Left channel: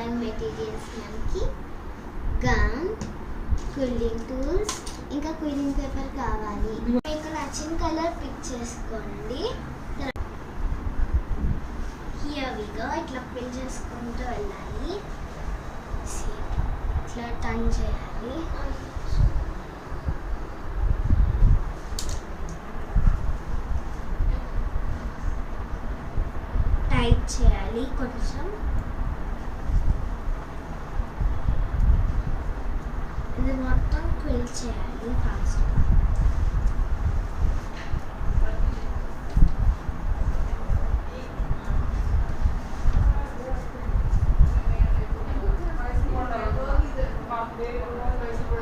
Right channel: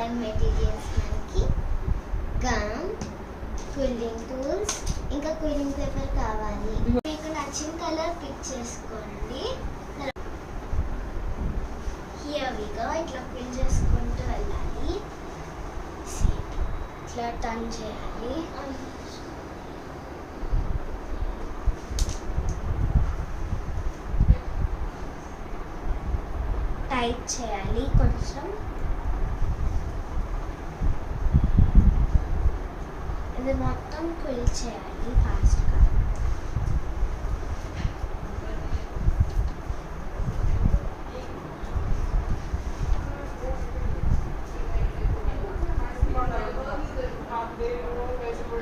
దాని మెటీరియల్స్ మనకి gum, cooling tools, ఇంకా కూలింగ్ పేపర్ కావాలి. మీకు నచ్చిన కలర్ పిక్ చేసుకోండి. Here we go. ఇట్లా ఫిల్ చేసుకుంటూ వెళ్ళాలి. ఇట్లా టర్న్ చేయాలి. టైట్ చేయాలి కొంచెం. ఇది మొత్తం ఫిల్ చేయాలి ఫాస్ట్గా.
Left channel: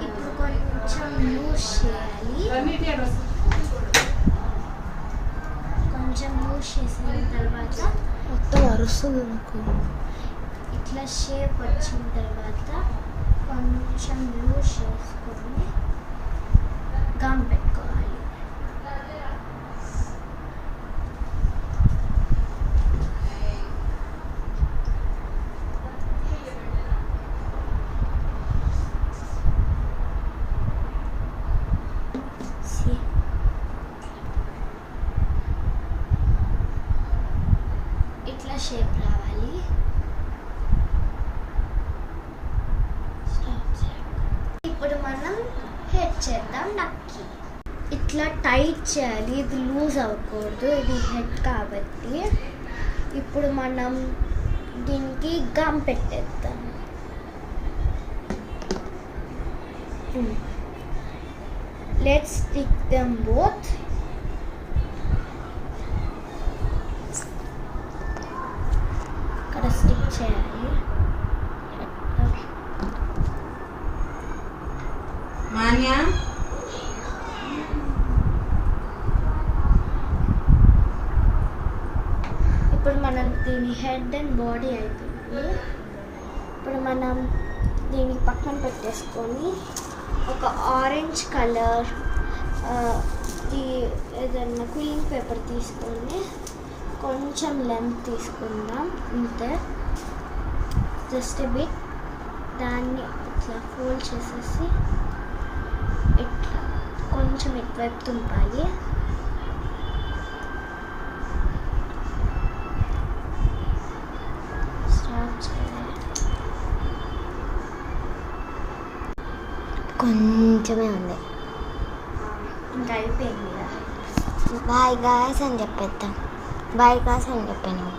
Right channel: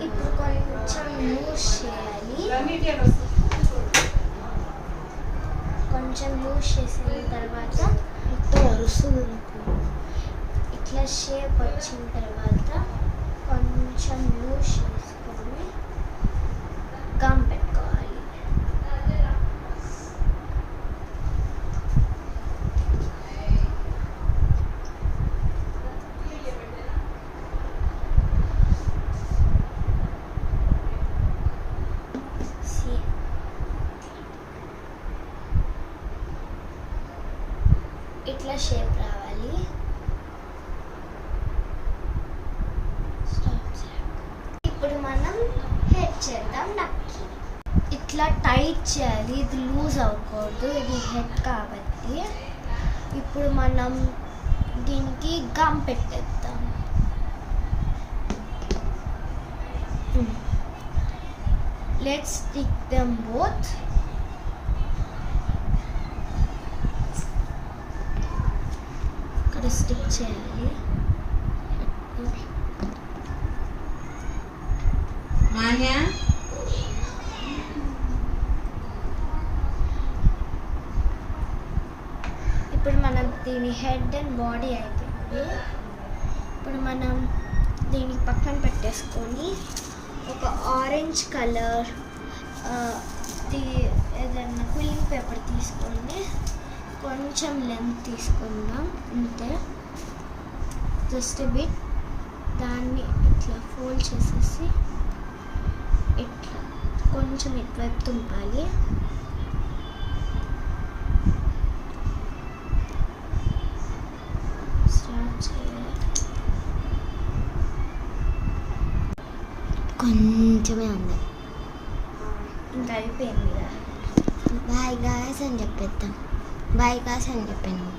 ఇప్పుడు కొంచెం లూజ్ చేయాలి. కొంచెం లూజ్ చేసిన తర్వాత మొత్తం అరుస్తుంది నాకు. ఇట్లా షేప్ వచ్చిన తర్వాత కొంచెం లూజ్ చేసుకొని గమ్ పెట్టుకోవాలి. ఇట్లా షేప్ రావాలి. ఇప్పుడు మనం హెడ్ చేద్దాం. నక్కి ఇట్లా టైట్ చేయాలి. ఇది లూజ్ అవ్వకూడదు, ఇది హెడ్ కాబట్టి. ఇప్పుడు మనం దీనికి గమ్ పెట్టేద్దాం. Let's stick them both. ఇక్కడ స్టిక్ చేయాలి. ఇప్పుడు మనం దీని హెడ్ అండ్ బాడీ అయిపోయింది. ఇప్పుడు మనం దీన్ని పక్కన పెట్టేసుకొని ఒక ఆరెంజ్ కలర్ ఏదన్నా కూలింగ్ పేపర్ తీసుకొని కొంచెం లెంత్ తీసుకుందాం. అంతే, జస్ట్ బిట్. దాన్ని ఇట్లా ఫోల్డ్ చేసేసి ఇట్లా కొంచెం ఇటువైపు తుంపాలి. స్టార్ట్ చేయాలి. కొంచెమే ఉంది. ఇంకా అయిపోయింది. బాయ్ గాయ్స్ అని చెప్పేద్దాం. బాయ్ గాయ్స్ అని చెప్పాను.